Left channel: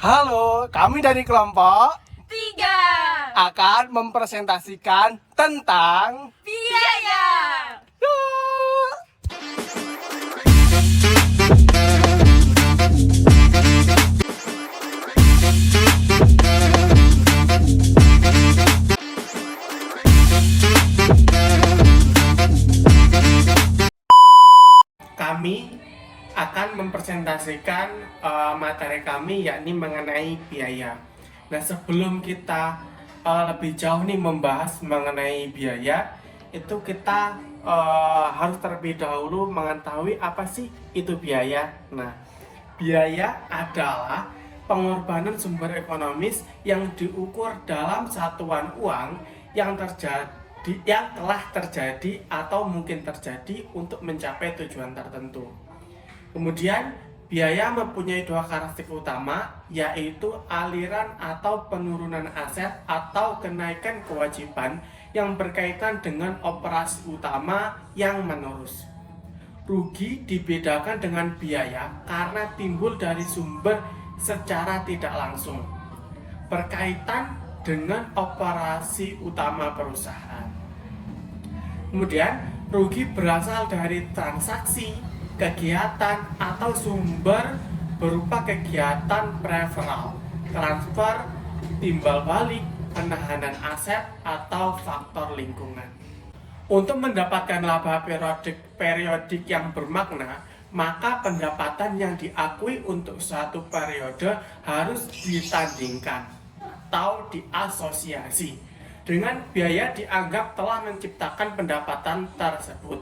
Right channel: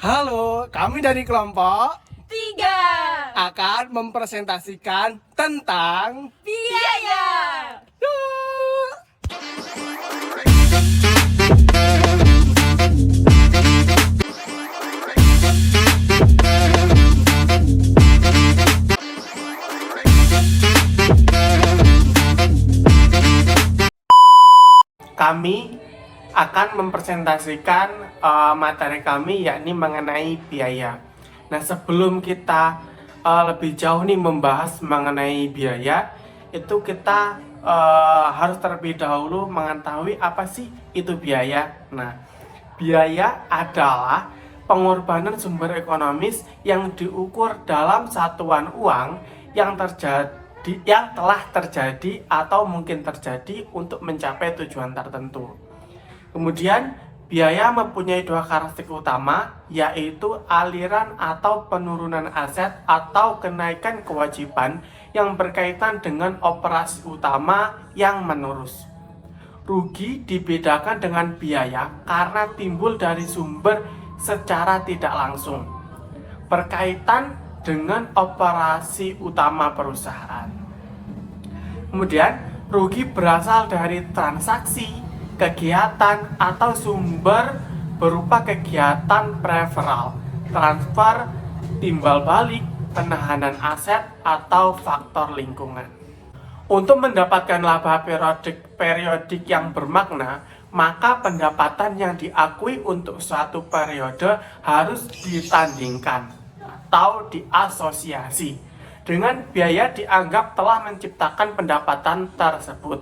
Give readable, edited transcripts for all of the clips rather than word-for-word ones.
Halo, kami dari kelompok Tiga, akan mempresentasikan tentang biaya. kami akan mempresentasikan materi kami yakni mengenai biaya. Nah, sebelum kita lebih jauh nih membahas mengenai biaya, itu kita harus terlebih dahulu mengetahui apa sih itu biaya. Nah, biaya adalah pengorbanan sumber ekonomis yang diukur dalam satuan uang yang telah terjadi atau mungkin terjadi untuk mencapai tujuan tertentu. Kemudian, biaya mempunyai dua karakteristik utama, yaitu aliran atau penurunan aset atau kenaikan kewajiban yang berkaitan dengan operasi utama yang menerus. Rugi dibedakan dengan biaya karena timbul dari sumber secara tidak langsung, berkaitan dengan operasi utama perusahaan. Kemudian, rugi berasal dari transaksi, kegiatan, atau sumber berupa kegiatan preferal, transfer, timbal balik, penahanan aset, atau faktor lingkungan. Untuk mendapatkan laba periodik yang bermakna, maka pendapatan yang diakui untuk suatu periode harus ditandingkan atau diasosiasi dengan biaya dianggap telah menciptakan pendapatan tersebut.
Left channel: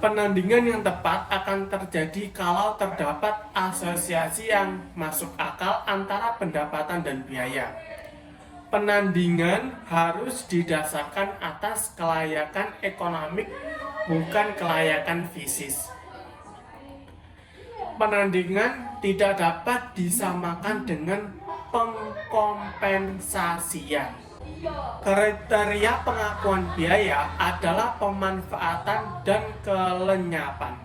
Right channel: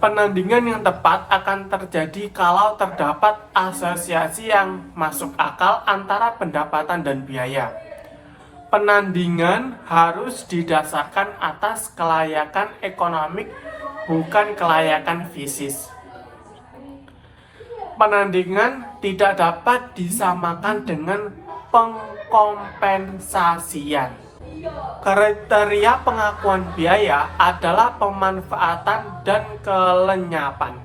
Penandingan yang tepat akan terjadi kalau terdapat asosiasi yang masuk akal antara pendapatan dan biaya. Penandingan harus didasarkan atas kelayakan ekonomik, bukan kelayakan fisik. Penandingan tidak dapat disamakan dengan pengkompensasian. Kriteria pengakuan biaya adalah pemanfaatan dan kelenyapan.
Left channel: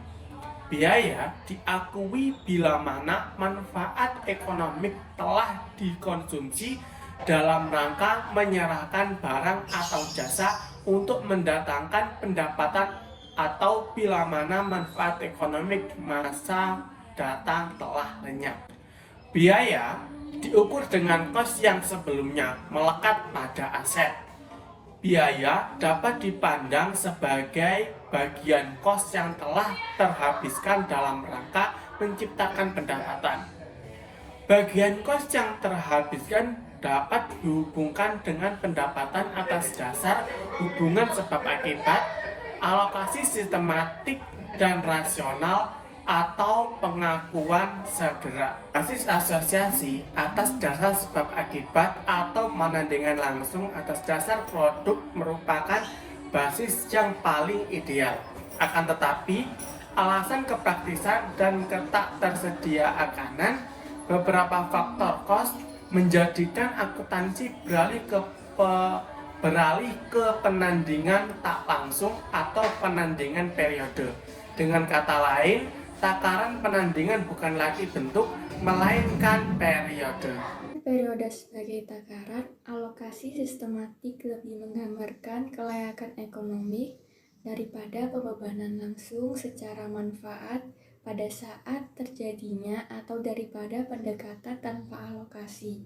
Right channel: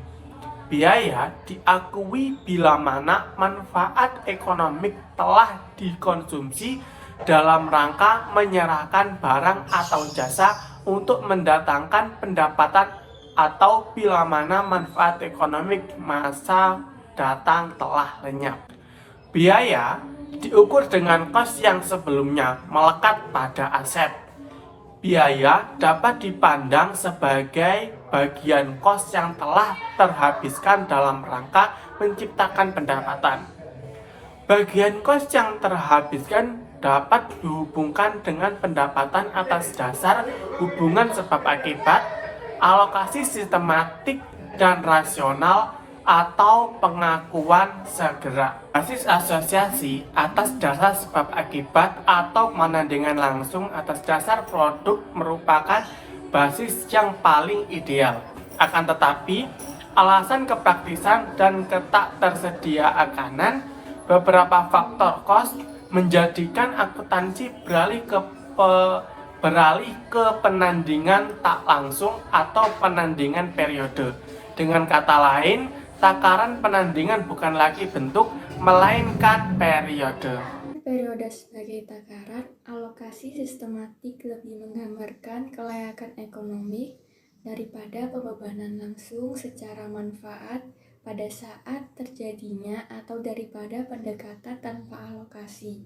Biaya diakui bila mana manfaat ekonomik telah dikonsumsi dalam rangka menyerahkan barang atau jasa untuk mendatangkan pendapatan, atau bila mana manfaat ekonomik masa datang telah lenyap. Biaya diukur dengan kos yang sebelumnya melekat pada aset. Biaya dapat dipandang sebagai bagian kos yang telah terhabiskan dalam rangka menciptakan pendapatan. Bagian kos yang terhabiskan dapat dihubungkan dengan pendapatan atas dasar hubungan sebab akibat, alokasi sistematik dan rasional, atau pengakuan segera. Basis asosiasi atas dasar sebab akibat atau penandingan langsung atas dasar produk merupakan basis yang paling ideal. Akan tetapi, alasan kepraktisan dan ketak tersediaakanan beberapa faktor kos menjadikan akuntansi beralih ke penandingan tak langsung atau penandingan periode. Dengan kata lain, takaran penandingan bukan lagi bentuk, melainkan periode. Periode sebagai takaran, alokasi sistematik lebih menggambarkan kelayakan ekonomi daripada pembebanan langsung secara manfaat pada saat terjadinya atau daripada pendekatan tanpa alokasi.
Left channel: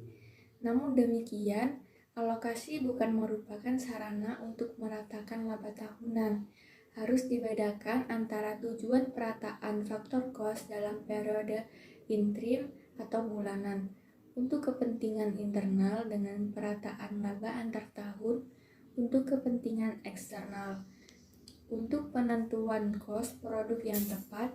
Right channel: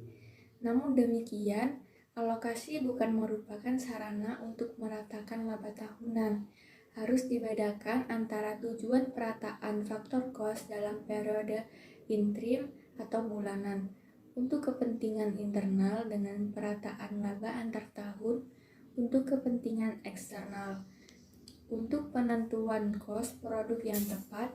Namun demikian, alokasi bukan merupakan sarana untuk meratakan laba tahunan. Harus dibedakan antara tujuan perataan faktor kos dalam periode interim atau bulanan untuk kepentingan internal dengan perataan laba antar tahun untuk kepentingan eksternal. Untuk penentuan kos produk yang tepat,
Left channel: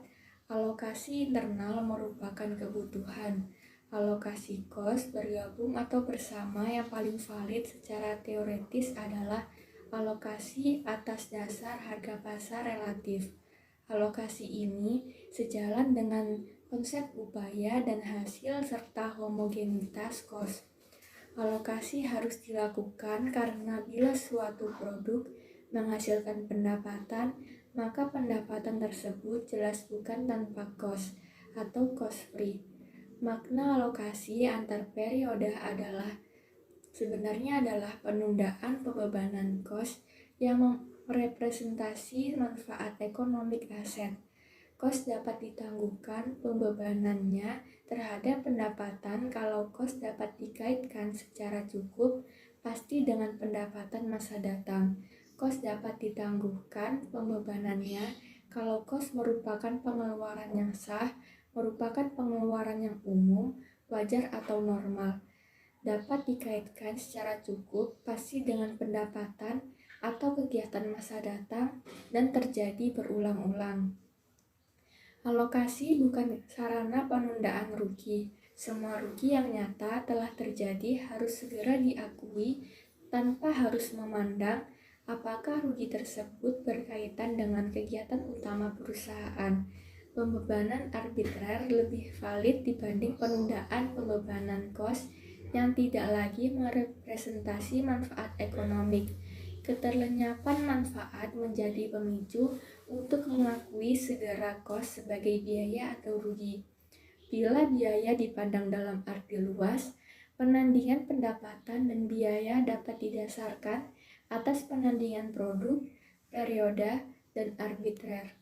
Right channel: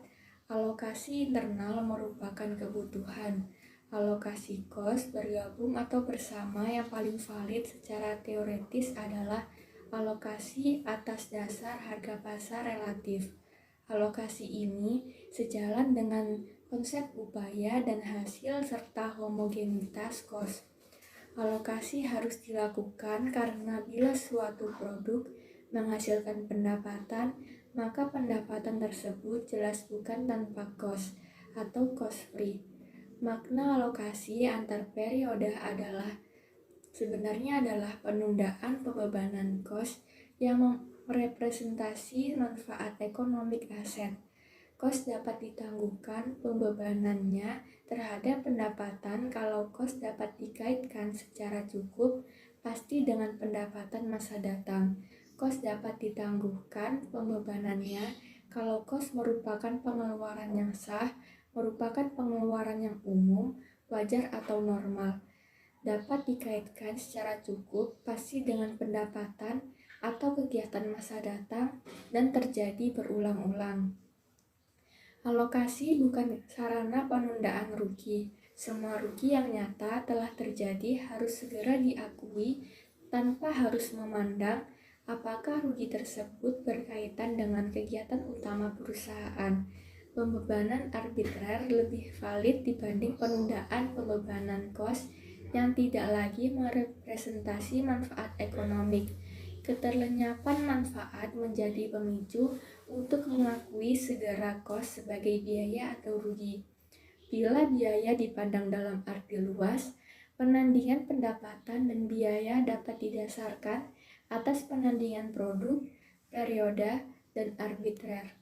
alokasi internal merupakan kebutuhan. Alokasi kos bergabung atau bersama yang paling valid secara teoretis adalah alokasi atas dasar harga pasar relatif. Alokasi ini sejalan dengan konsep upaya dan hasil serta homogenitas kos. Alokasi harus dilakukan karena bila suatu produk menghasilkan pendapatan, maka pendapatan tersebut jelas bukan tanpa kos atau cost free. Makna alokasi antar periode sebenarnya adalah penundaan pembebanan kos yang merepresentasi manfaat ekonomik aset. Kos dapat ditangguhkan pembebanannya terhadap pendapatan kalau kos dapat dikaitkan secara cukup pasti dengan pendapatan masa datang. Kos dapat ditangguhkan pembebanannya kalau kos merupakan pengeluaran yang sah, merupakan pengeluaran yang umum, wajar atau normal. Dapat dikaitkan secara cukup pasti dengan pendapatan atau kegiatan masa datang dan terjadi berulang-ulang. Alokasi bukan sarana penundaan rugi. Semua rugi yang nyata telah terjadi harus segera diakui tanpa harus memandang apakah rugi tersebut berkaitan dengan kegiatan utama perusahaan. Pembebanan arbitrer lebih valid dibanding penundaan pembebanan kos yang tidak lagi merepresentasi manfaat ekonomik. Keterlenyapan manfaat menjadi pemicu untuk mengakui segera kos sebagai biaya atau rugi. Bila biaya dipandang dalam arti luas, penandingan pendapatan dan biaya dapat didasarkan atas penandingan produk, periode, dan arbitrer.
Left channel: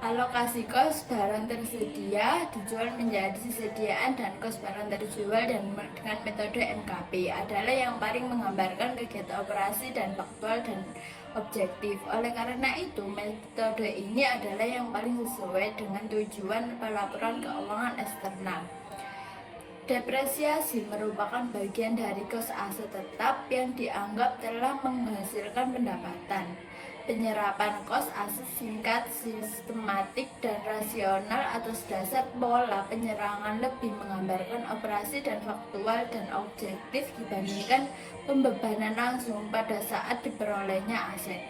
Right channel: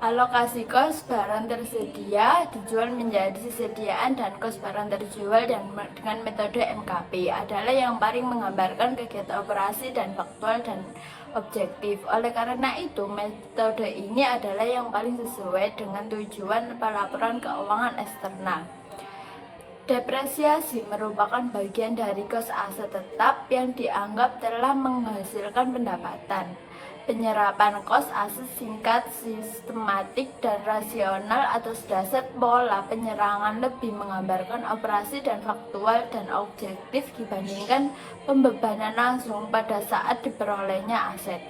Alokasi kos barang tersedia dijual menjadi sediaan dan kos barang terjual dengan metode MKP adalah yang paling menggambarkan kegiatan operasi dan faktual dan objektif. Oleh karena itu, metode ini adalah yang paling sesuai dengan tujuan pelaporan keuangan eksternal. Depresiasi merupakan bagian dari kos aset tetap yang dianggap telah menghasilkan pendapatan. Penyerapan kos aset singkat, sistematik, dan rasional atas dasar pola penyerangan lebih menggambarkan operasi dan faktual dan objektif dibandingkan pembebanan langsung pada saat diperolehnya aset.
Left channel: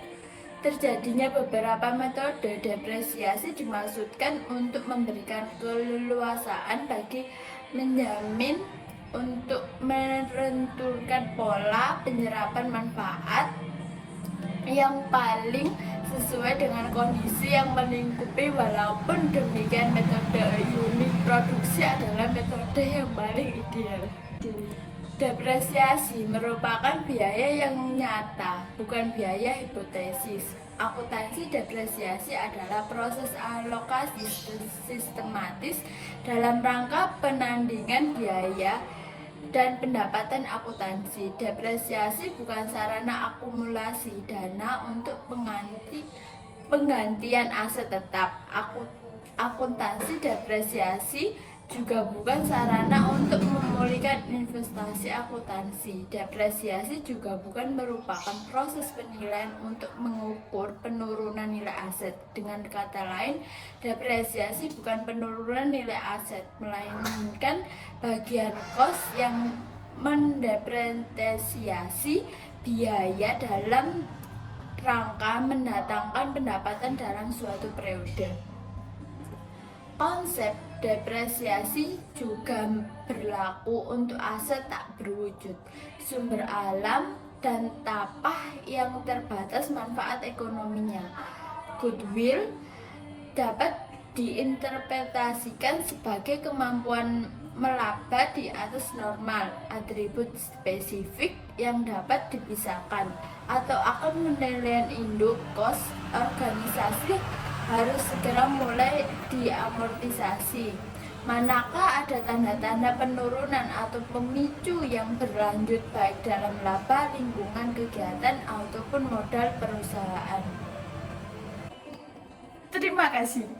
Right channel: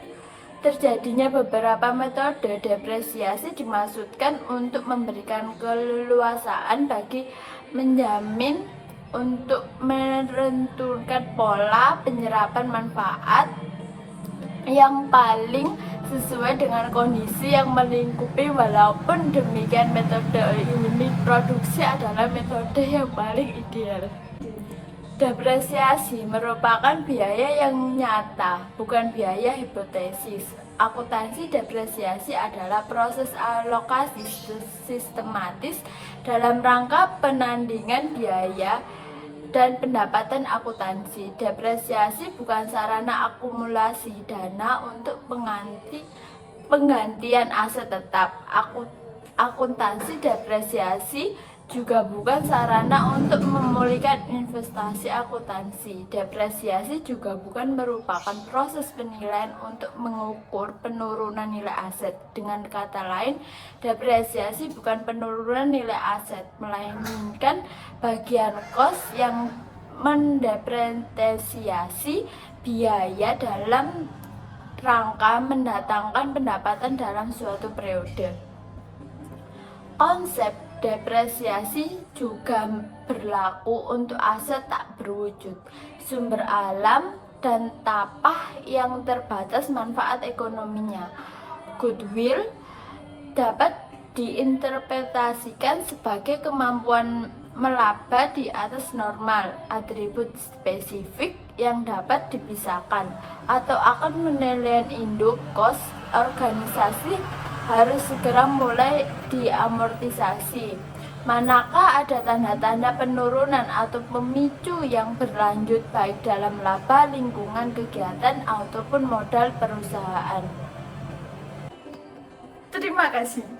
Terjadinya beberapa metode depresiasi dimaksudkan untuk memberikan keleluasaan bagi menjamin untuk menentukan pola penyerapan manfaat yang paling sesuai dengan kondisi yang melingkupi. Walaupun demikian, metode unit produksi adalah metode yang paling ideal. Depresiasi merupakan biaya yang nyata, bukan biaya hipotesis. Akuntansi depresiasi adalah proses alokasi sistematis dalam rangka penandingan biaya dan pendapatan akuntansi. Depresiasi bukan sarana akumulasi dana untuk penggantian aset tetap. Akuntansi depresiasi juga bukan sarana untuk memulihkan investasi akuntansi. Depresiasi juga bukan merupakan proses penilaian untuk mengukur penurunan nilai aset. Dengan kata lain, depresiasi bukan penurunan nilai aset, melainkan bagian kos yang mendepresiasi biaya dalam rangka mendatangkan pendapatan dalam suatu periode. Konsep depresiasi juga berlaku untuk aset tak berwujud, sumber alam, dan tapah yang terbatas manfaat ekonominya. Goodwill dapat diinterpretasikan sebagai kemampuan melaba di atas normal, atribut spesifik yang dapat dipisahkan, atau akan penilaian induk kos organisasi harus segera mulai diamortisasi. Manakah ada tanda-tanda penurunan atau pemicu yang berlanjut baik dalam laba, lingkungan kegiatan, ataupun modal perusahaan. Terima kasih.